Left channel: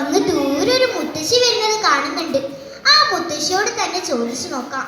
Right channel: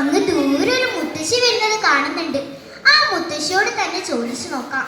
അങ്ങ് ദൂരെ ഒരു മുത്തശ്ശി വരുന്നത് കാണുന്നുണ്ട്. ആ മുത്തശ്ശിയോട് തന്നെ ചോദിച്ചു നോക്കാം.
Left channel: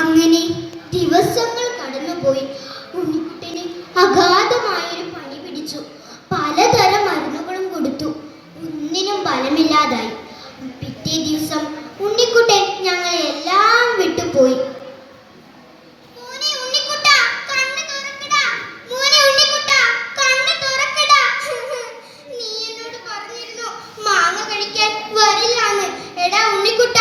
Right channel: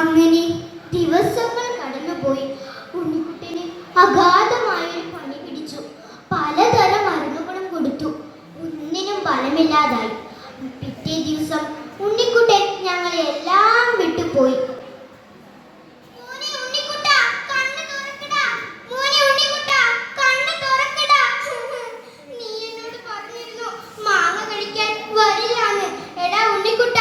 അങ്ങനെ ദിവസങ്ങൾ കടന്നുപോയി. ഉണ്ണിക്കുട്ടന് അഗാധമായൊരു പണി പിടിച്ചു. പലതരം മരുന്നുകളും കൊടുത്തു. ഒന്നിനും ഫലമില്ലാതായി. പിറ്റേ ദിവസം ഉണ്ണിക്കുട്ടൻ ഞങ്ങളെ എല്ലാം വിട്ടുപോയി. ¡Suscríbete